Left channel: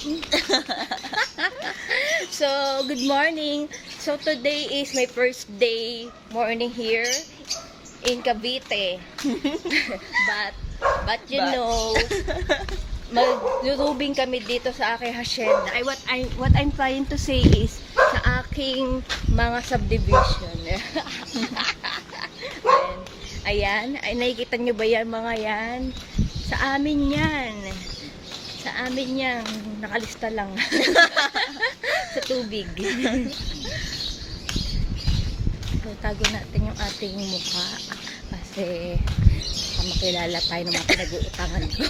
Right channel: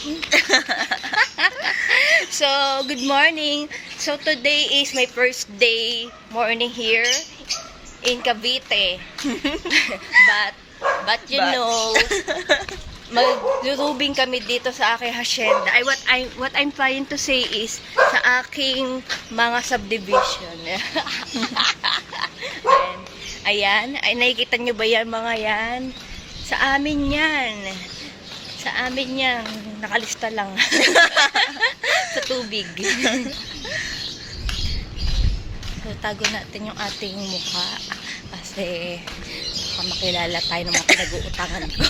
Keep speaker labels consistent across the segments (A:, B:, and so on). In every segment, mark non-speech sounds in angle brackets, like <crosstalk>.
A: <laughs> so, good morning. So, today is my first day morning here in Cavite. <laughs> but, but you
B: But-
A: know, <laughs> maglulubing kami dito sa aking hacienda. Ay, what, I, what I'm trying to say is, sa aking mga subdivision. Ayan. Ayan. Ay, nakikita nyo ba yan, mga yan? Sa amin yan. Sa amin yan. Nakalista lang. <laughs> sa tubig. <laughs> so, tago natin yung ating mukha. Kasi, baka makilala tayo ng mga pinag-uutangan ko.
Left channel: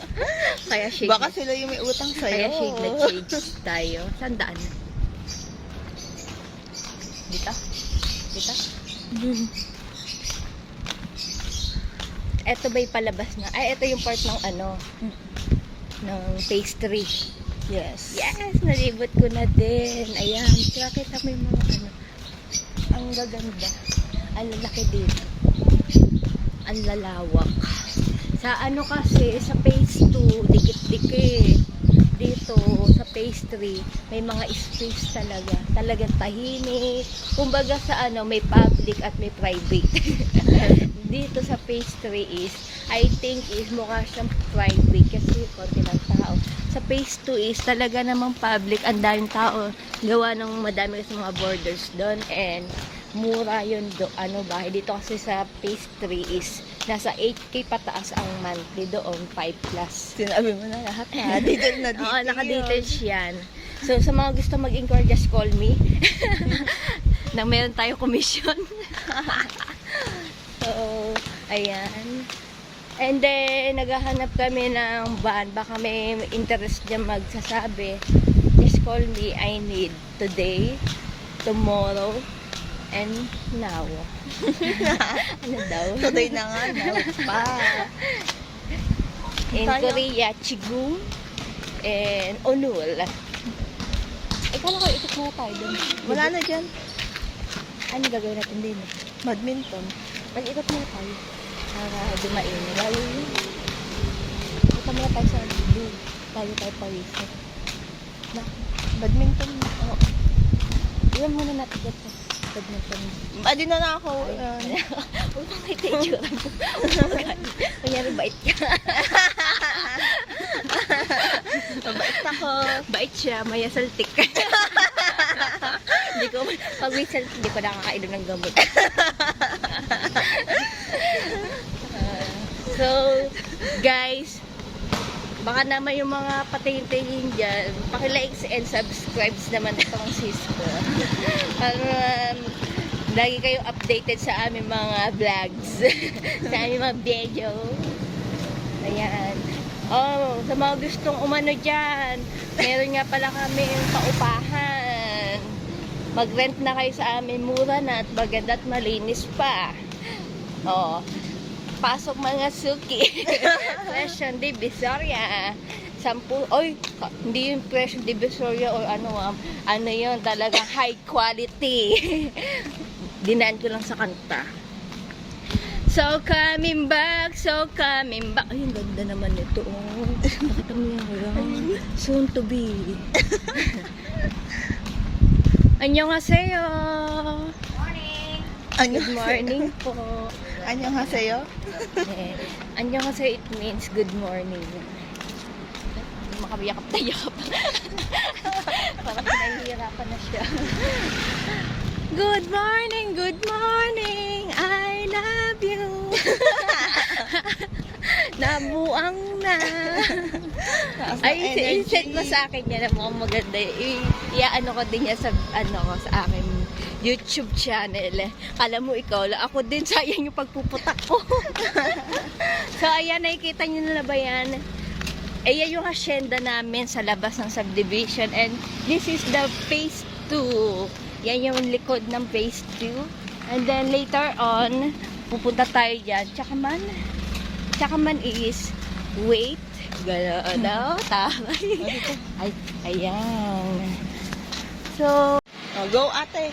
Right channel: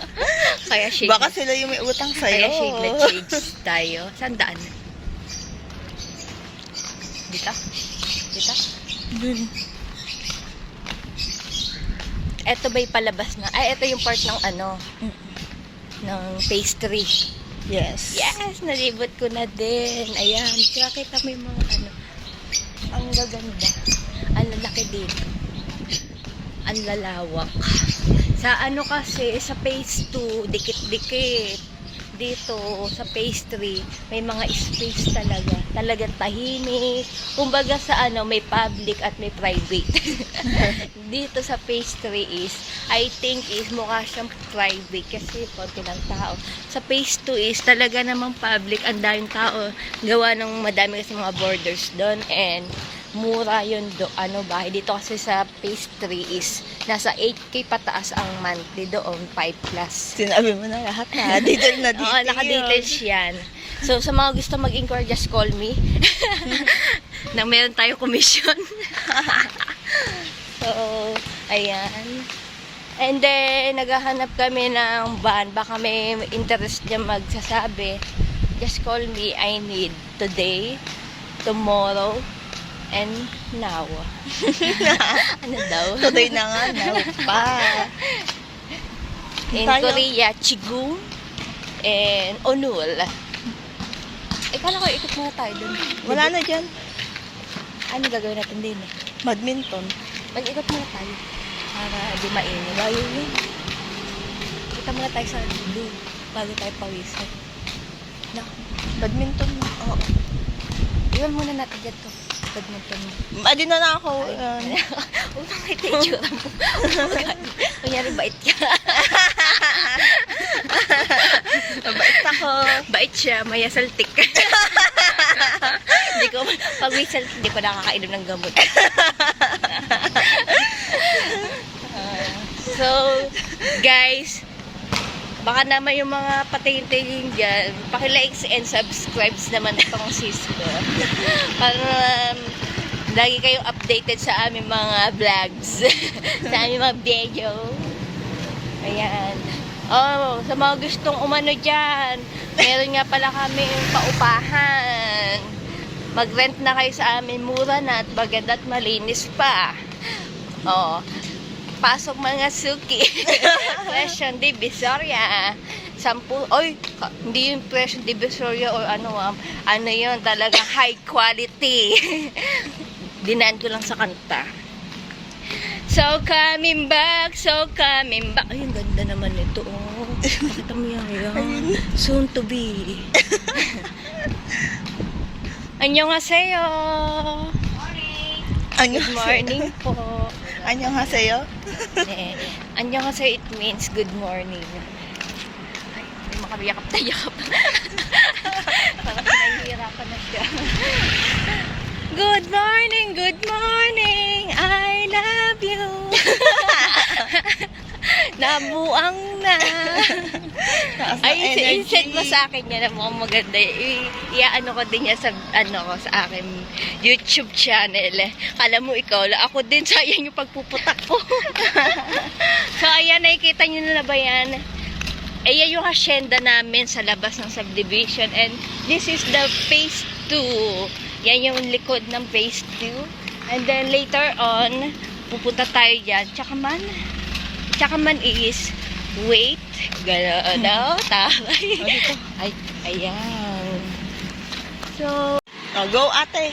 A: <laughs> Kaya shade,
B: Baka sila yung may utang
A: kaya
B: sa'yo.
A: shade na shades tayo. Saan daan? Dito? Dito?
B: Dun.
A: Eto ba'y palabas na? Ay, ito yung part ng ano, ng pastry.
B: Yes.
A: Yes, nalibot ko na din. Ayan, kita mo yung mga ano. Ang gaganda. Ang lalaki dito. Ang lalawak. Sa ano kasi, sa phase 2, dikit-dikit. Dito, sa 3, may mga space talaga. Talagang tahimik. Kumbaga sa ano, may public at may private. <laughs> dito sa 3 is, I think is mukha siyang private kasi konti lang tao. Sa phase 2 is talaga namang public, ang daming tao. Gawa ng madami kasi mga borders doon and mura yun do, ano ba, dito kasi sa 3 is nasa 8k pataas ang monthly doon, 5 plus.
B: Sinabi mo na lahat ha. Dito na dito. <laughs>
A: Oo, naka-details yan. So, sa mga gusto mag-inquire, just call me. <laughs> Nang meron tayo commission. <laughs> so, ayan. And then, naghahanap kami ng van. Baka may interest dyan magsasabi. Just call me. I need today, tomorrow, and now. <laughs> ano daw?
B: Tuloy na nga. No, pa.
A: In
B: Tayo.
A: Korea, Chigung and Onul. Eh, kala ko ikot muna tayo dun.
B: Wala na dyan.
A: Ano gagawin natin din eh?
B: Badminton.
A: Mag-ikot muna tayo. Para di mainit. Layo yun. Kita muna tayo sa blue. Bago tayo pawisan. Na,
B: Badminton. Oo.
A: iwan muna natin dyan to. Badminton.
B: Adi na na ako. <laughs>
A: Huwag kang may itsura mo. Kunyari bait ka. <laughs>
B: Mabait ako.
A: Bait siya, may asaltik. Hindi ko, pag may saltik, hindi ko nakakainom ng gamot. <laughs> So, guys, baka naman yung mga patingin-tingin dyan, pakilikes and subscribes naman itong sis ko. <laughs> Para um, lagi kayong updated sa aming mga vlogs, <laughs> sa aming mga video. Ayan. Oh, sa mga gustong umano dyan, meron nga pala kami paupahan. Mag-rent na kayo sa amin, mura na at maganda at malinis pa. Oh, pasok mga suki. <laughs> Presyon Divisoria. Sampu, oy, hindi yung Presyon Divisoria or ano, um, ano yun, talagang high quality. <laughs> Dinaan ko lang sa kanta. So coming back, so coming back. Ay, ang ganda naman nito. Oh. Pakita mo yan, yan. Soon to be. <laughs> Annyeonghaseyo. Morning. Good morning po.
B: Anyong haseyo?
A: Eh, annyeonghaseyo it means good morning. Ay, Hindi makabiyakap na yakap. <laughs> Parang pinahihirapan na siya. Good morning, good morning, I love you. <laughs> Nabuang na. Ay, i-send mo sa akin yan ang mukhang maganda. I-ano ko din yan sa, ano ko, sa akin YouTube channel. Kala mo ikaw, la- ako din, <laughs> sayang yung pagpuputak ko. <laughs> so, ayan, nakikita nyo na ba yan? Ayan yung hacienda namin sa labas ng subdivision. And this is the phase 2. Yan yung likod ng phase 2. And then later on, pupunta tayo dyan. Tsaka man, tsaka man is, wait, gano'n, <laughs> no? Taray. Ay, ayan. So,
B: Oh, go ate.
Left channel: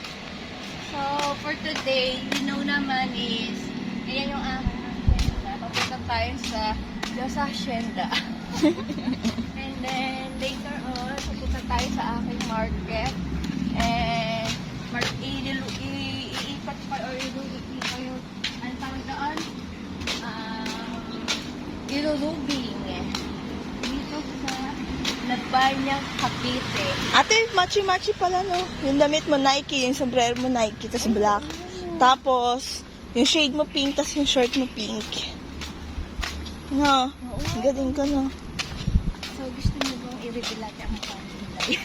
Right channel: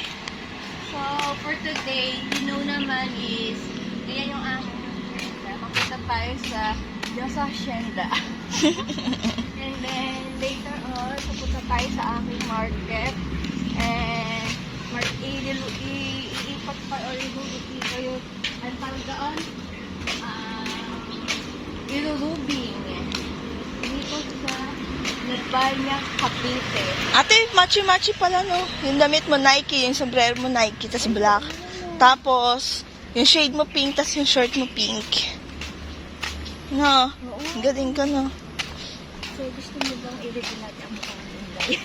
A: So for today, you know naman is, ayan yung aming hacienda. Papunta tayo sa nasa hacienda. And then, later tayo sa aking market. And, mag iipat pa, or iluluti kayo. Ang tawag doon? Ah, ilulubing. Nagbalya, Cavite.
B: Ate, matchy-matchy pala, no? Yung damit mo Nike, yung sombrero mo Nike, tas black. Tapos, yung shade mo pink, tas yung short mo pink. No,
A: Oo.
B: galing ka, no?
A: So, gusto mo bang i-regulate ang pamilya?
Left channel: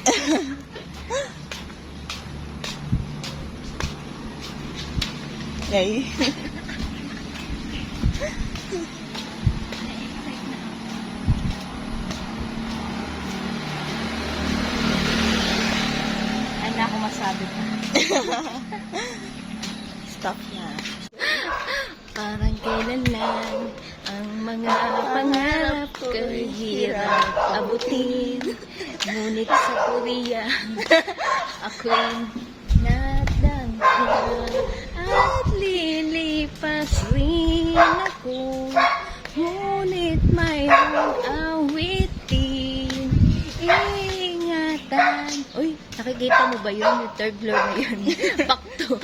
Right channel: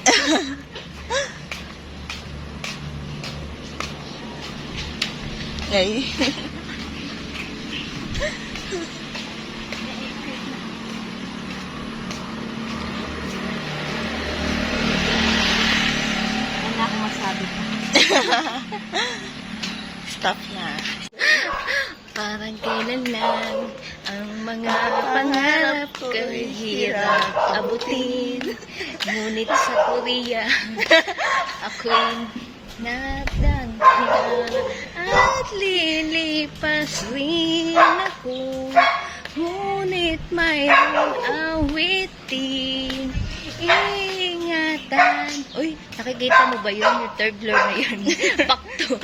B: Ay. <laughs>
A: Ano ako masabi pa?
B: Stop na.
A: Kailan lang ang mga pangarap ko'y hirap abutin. Ngunit sa Korea, <laughs> ako'y nadangka at lilipas rin ako. Ngunit mayroong awitin, ingatan. Uy, nakikita mo ba yun? Yung third floor na yun. <laughs> Back to